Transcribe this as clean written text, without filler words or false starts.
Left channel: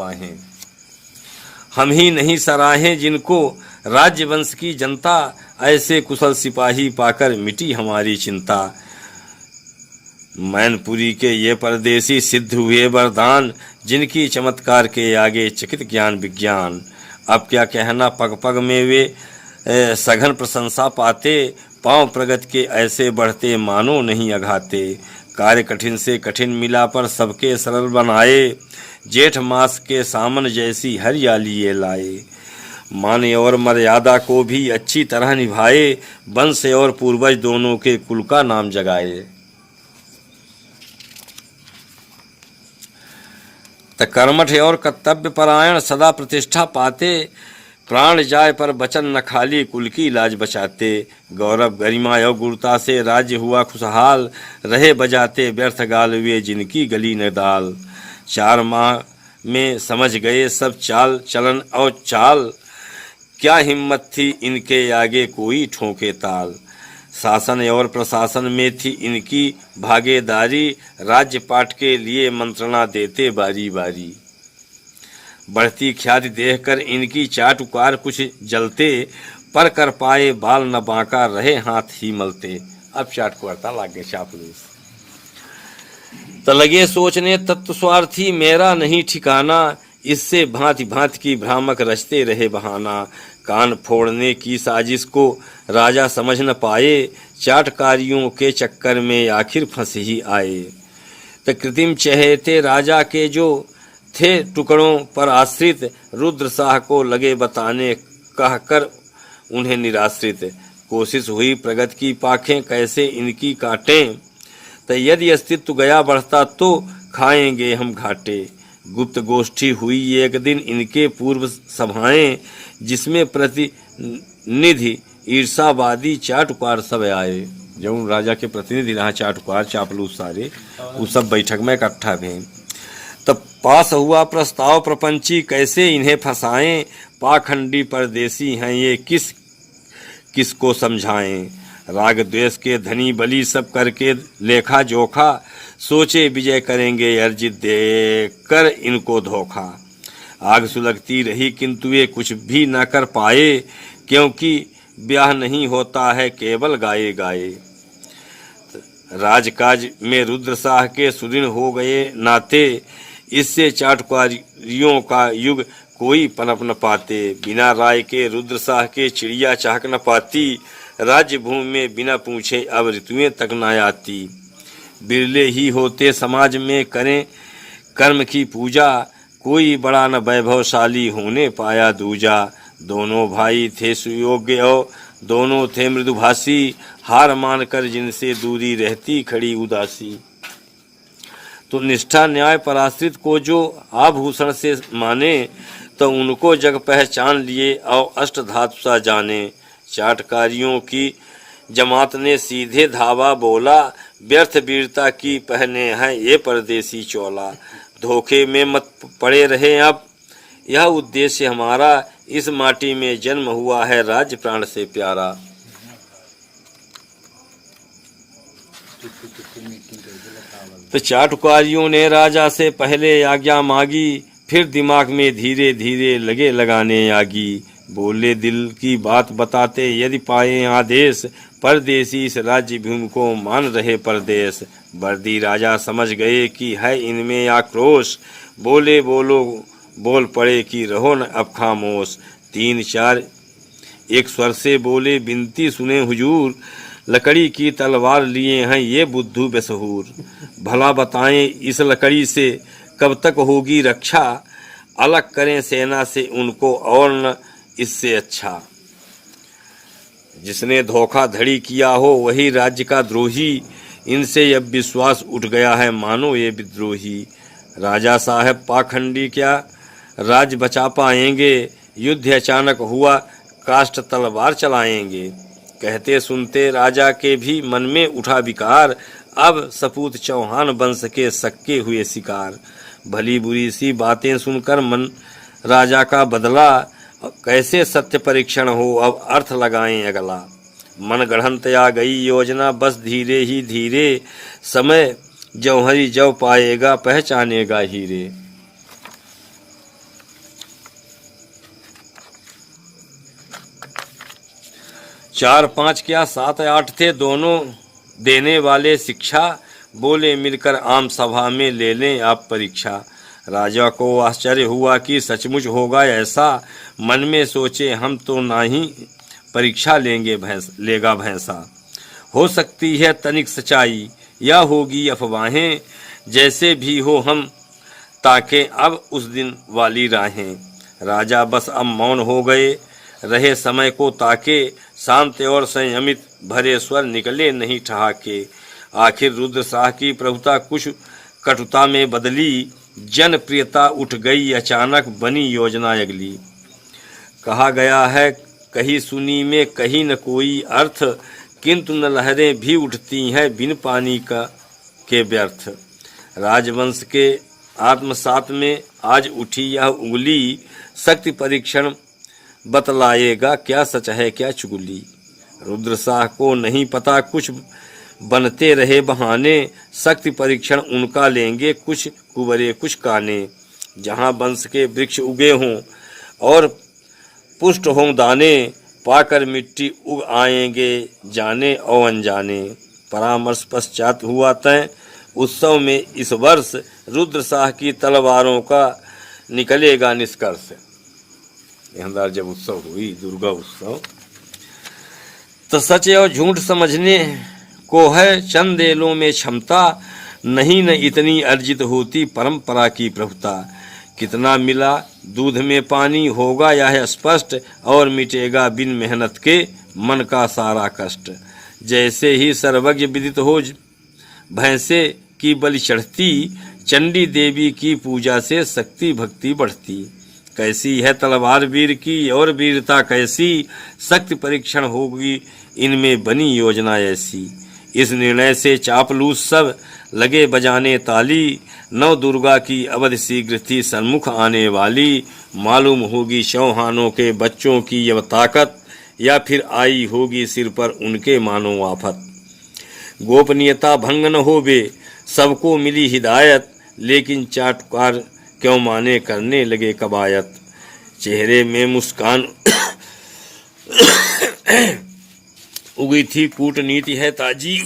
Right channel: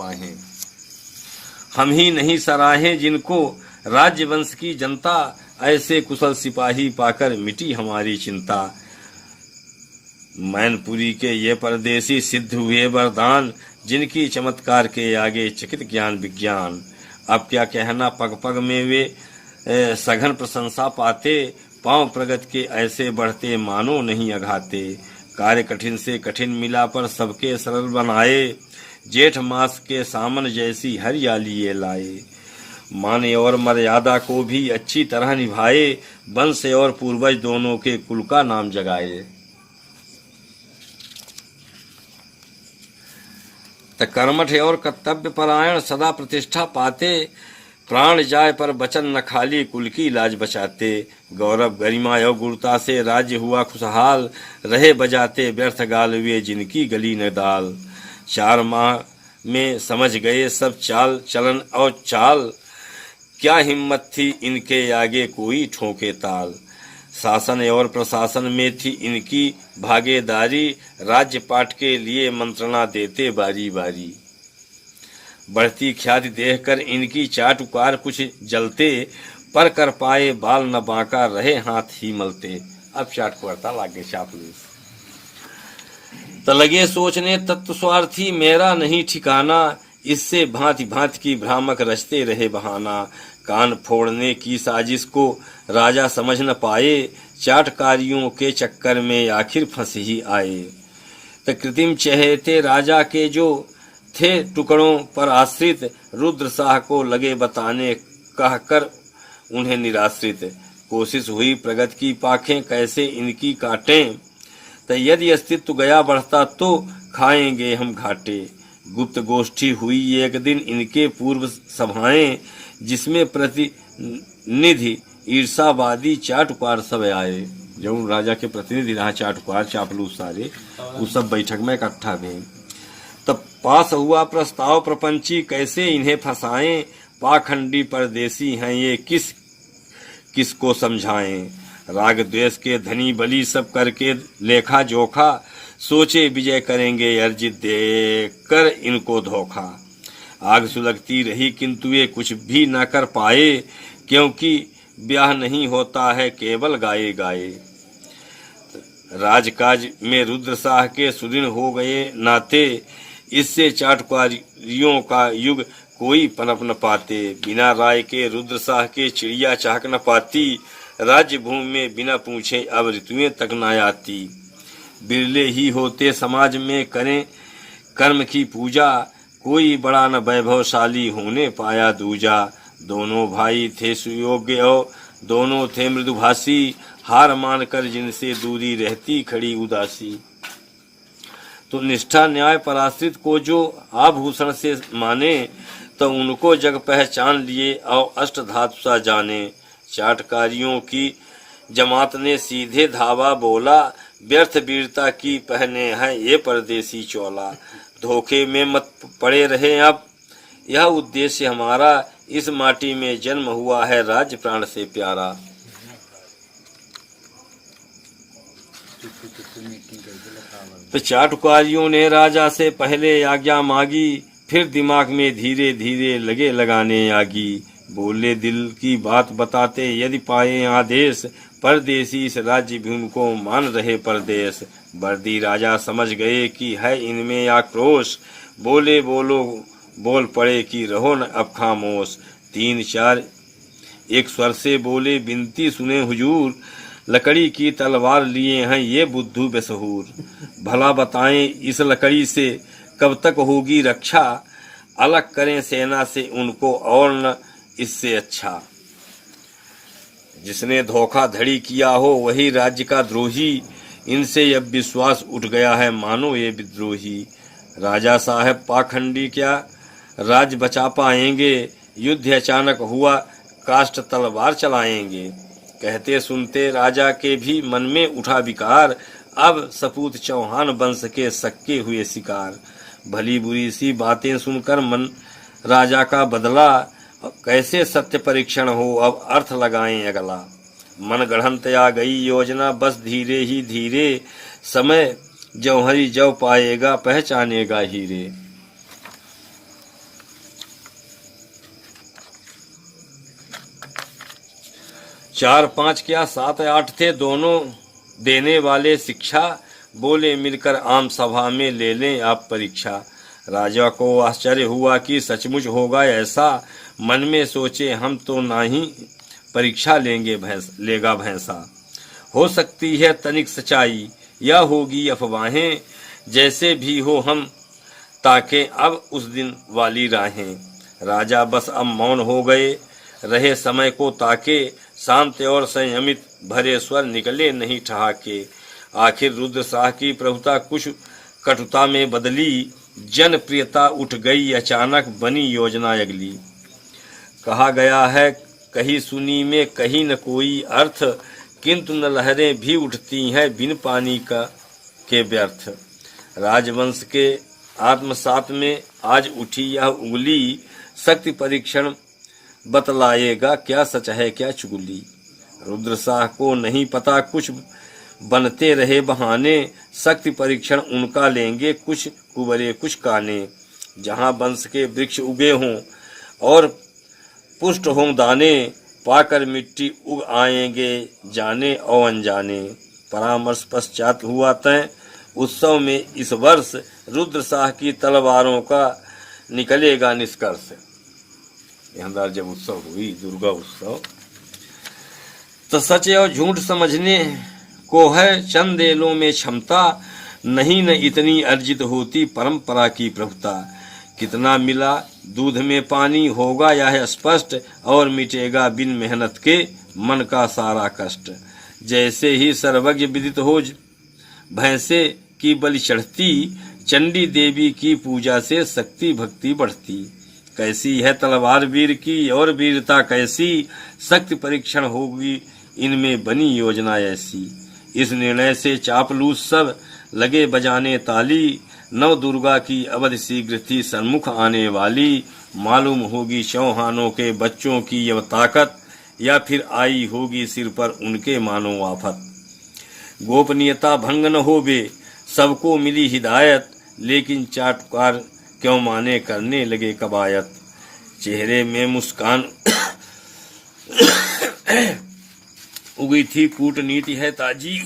वाहें। हम ही नहीं सराहें जिनको राज्य वंश की जनता, ऐसे कुशल सिपाही पाकर मिटी हमारी चिंता। मैनपुरी के ये परदेसी सिद्ध हुए वरदान, जिनकी चमत्कार के आगे चकित ज्ञान विज्ञान। अब क्या कहना, पग पग में वे सघन प्रशंसा पाते, पांव प्रगति के ऐसे बढ़ते मानो नहीं अघाते। कार्य कठिन से कठिन मिला पर सबके सरल बनाए, जेठ मास के सामन जैसी हरियाली ये लाए। मान और मर्यादा को भी अच्छी तरह निभाए, वंश और पूर्वज दोनों के कुल का नाम जगाए। कर्मठ और कर्तव्य परायण सदा प्रतिष्ठा पाते, प्राण जाए पर वचन न खाली कुल की लाज बचाते। गौरव गरिमा और गुरुता से राज्य हुआ खुशहाल, रहे बजाते व्यर्थ गाल वे जिनकी गली न दाल। 4 माह में समझ गए सब चाल चलन और चाल, क्या हिम्मत थी इनके आगे कोई ठोके ताल। शासन और प्रशासन में थी इनकी भागीदारी, राज्य पाठ के लिए मंत्रणा देते बारी बारी। बढ़ती ख्याति देखकर इनकी चाटुकार कुछ जलते, पर कर पाए बाल न बांका रहे हाथ ही मलते। अब चाटुकारता लागे चापलूस तो लगे सोचने तत्व स्वार्थी मेरा नहीं ठिकाना, इससे भांति भांति की भ्रामक रचते रहे बहाना। कान फोड़ने की साजिश को राजा समझ न पाए, चाटकारियों के चक्कर में आखिर फंस ही आए। तो कृत्रिम चहेते राजा के जो थे टुकड़ों पर आश्रित, रुद्र शाह को लगे बताने कहकर उन्हें निराश्रित। कोशिश हुई प्रगति की पाखें कैसे इनकी काटें, तो यदि अस्तित्व गया बढ़ता तो खाएंगे हम घाटे। गुप्त गोष्ठी हुई एक दिन इनके पूर्व सभाएं, जिसमें प्रतिनिधि ईर्षावादी चाटुकार सब आए। जो राजा के प्रतिनिधि रहा चाटुकार चापलूस सारे, वो सब बैठक में इकट्ठा हुए। तब पास हुआ प्रस्ताव प्रपंची कैसे इन्हें फंसाएं, पाखंडी परदेसी हैं ये किसको समझाएं। राग द्वेष के धनी बली सब करके लेखा जोखा, सोचे विजय करेंगे अर्जित देकर इनको धोखा। आग सुलगती रही किंतु ये कुछ भी न कर पाए, क्योंकि ब्याह नहीं होता है केवल गाए गाए। राजकाज में रुद्र शाह के सुदृढ़ हो गए नाते, इससे चाटुकारियों का युग कोई पनप न पाते। बिना राय के रुद्र शाह के चिड़िया चाहक न पाती, राज्य भूमि में बिना पूछे अब ऋतुएं तक न आती। बिरले ही होते समाज में करें कर्म की पूजा, कोई बड़ा न वैभवशाली होने पाया दूजा। दोनों भाई थे सुयोग्य और दोनों थे मृदुभाषी, हार मानकर जिनसे दूरी रहती खड़ी उदासी। तो निष्ठा न्याय पराश्रित को जो आभूषण से माने, तो उनको जग पहचान लिए और अष्ट धातु सा जाने। चाटकारियों की जमात ने सीधे धावा बोला, व्यर्थ वीरता की पहने हैं ये परदेसी चोला। धोखे में मत पड़े रहे अब, यह उद्देश्य हमारा, इस माटी में जन्म हुआ है राज्य प्राण से प्यारा। तो चाटुकारियों ने राजा से पहले आज्ञा मांगी, फिर दिमाग में धीरे धीरे लगे लगाने आगी। बोले दिल की बात बताते यदि पाए आदेश, परदेसी इस राज्य भूमि को मान रहे परदेश। वर्दी राजा समझ गए कि है इनमें आक्रोश, बोले बोलो बोल पड़े कि रहो न अब खामोश। 3-4 एक स्वर से बोले बिनती सुने हुजूर, लकड़ी की तलवार लिए हैं ये बुद्धू बेसहूर। भला बताएं इस लकड़ी से कब तक होगी रक्षा, अलग करें सेना से उनको और न इससे अच्छा। जिसने धोखाधड़ी किया हो वही राज्य का द्रोही, इनसे अब विश्वास उठ गया है मानो ये विद्रोही। राजा साहब पाखंडी क्या राज्य बचा पाएंगे, युद्ध अचानक हुआ काष्ठ तलवार चलाएंगे। कहते सुनते राजा के भी मन में उठा विकार, अब सपूत चौहान वंश के सक्के हुए शिकार। भली बुरी सी बातें सुनकर मन राजा का बदला, कैसे सत्य परीक्षण हो अब अर्थ लगाएं अगला। मन गढ़ंत आ गई योजना बस धीरे ही धीरे, समय जौहरी जौ पाएगा पहचानेगा हीरे। 4 5 क्या 7 8 थे दोनों देने वाले शिक्षा। बोले मिलकर आम सभा में ले लें आप परीक्षा। राजा को आश्चर्य हुआ कि सचमुच होगा ऐसा। मन में सोचे हम तो नहीं परीक्षा लेगा भैंसा। हो सकती है तनिक सच्चाई या होगी अफवाहें। जैसे भी हो हम ताके अब उस दिन वाली राहें। राजा बस अब मौन हो गए रहे समय को ताके। शांत और संयमित भरे स्वर निकले नहीं ठहाके। आखिर रुद्र शाह की प्रभुता कुछ कटुता में बदली। जनप्रियता उठ गई अचानक बनी योजना अगली। कहा गया है कहीं सुनी में कहीं न कोई अर्थ। किंतु न लहरें भी उठती हैं बिन पानी के व्यर्थ। राजवंश के आत्मसात में आज उठी यह उंगली। शक्ति परीक्षण बतलाएगा क्या सच है क्या चुगली। रुद्र शाह को नहीं पता कुछ बनते रहे बहाने। शक्ति परीक्षण उनका लेंगे कुछ कुंवरे कुछ काने। जहाँ वंश के वृक्ष उगे हों और पुष्ट हों दाने। पाकर मिट्टी उग आएंगे जाने और अनजाने। परामर्श पश्चात हुआ तय उत्सव में इस वर्ष। रुद्र शाह की तलवारों का निकलेगा निष्कर्ष। यहाँ जब उत्सव हुई दुर्गा उत्सव तो सच और झूठ समझने को है चंदेलों में क्षमता। नहीं न इतनी अर्जित होती परंपरा की प्रभुता। कितना मिला दूध में पानी होगा यह स्पष्ट। और मिटेगा बिन मेहनत के मन का सारा कष्ट। जैसे ही सर्वज्ञ विदित हो भैंसे की बलि चढ़ती। चंडी देवी की पूजा से शक्ति भक्ति बढ़ती। कैसी है तलवार वीर की और वीरता कैसी। शक्ति परीक्षण होगी इनमें बनी योजना ऐसी। इस निर्णय से चापलूस सब लगे बजाने ताली। नव दुर्गा की अवधि शीघ्र थी सन्मुख आने वाली। मालूम होगी चौहानों के बच्चों की यह ताकत। या फिर आई होगी सिर पर उनके मानो आफत। गोपनीयता भंग न होवे सबको मिली हिदायत। लेकिन चाटुकार क्यों माने करने लगे कवायत। चेहरे में मुस्कान उगी थी कूटनीति है ताजी।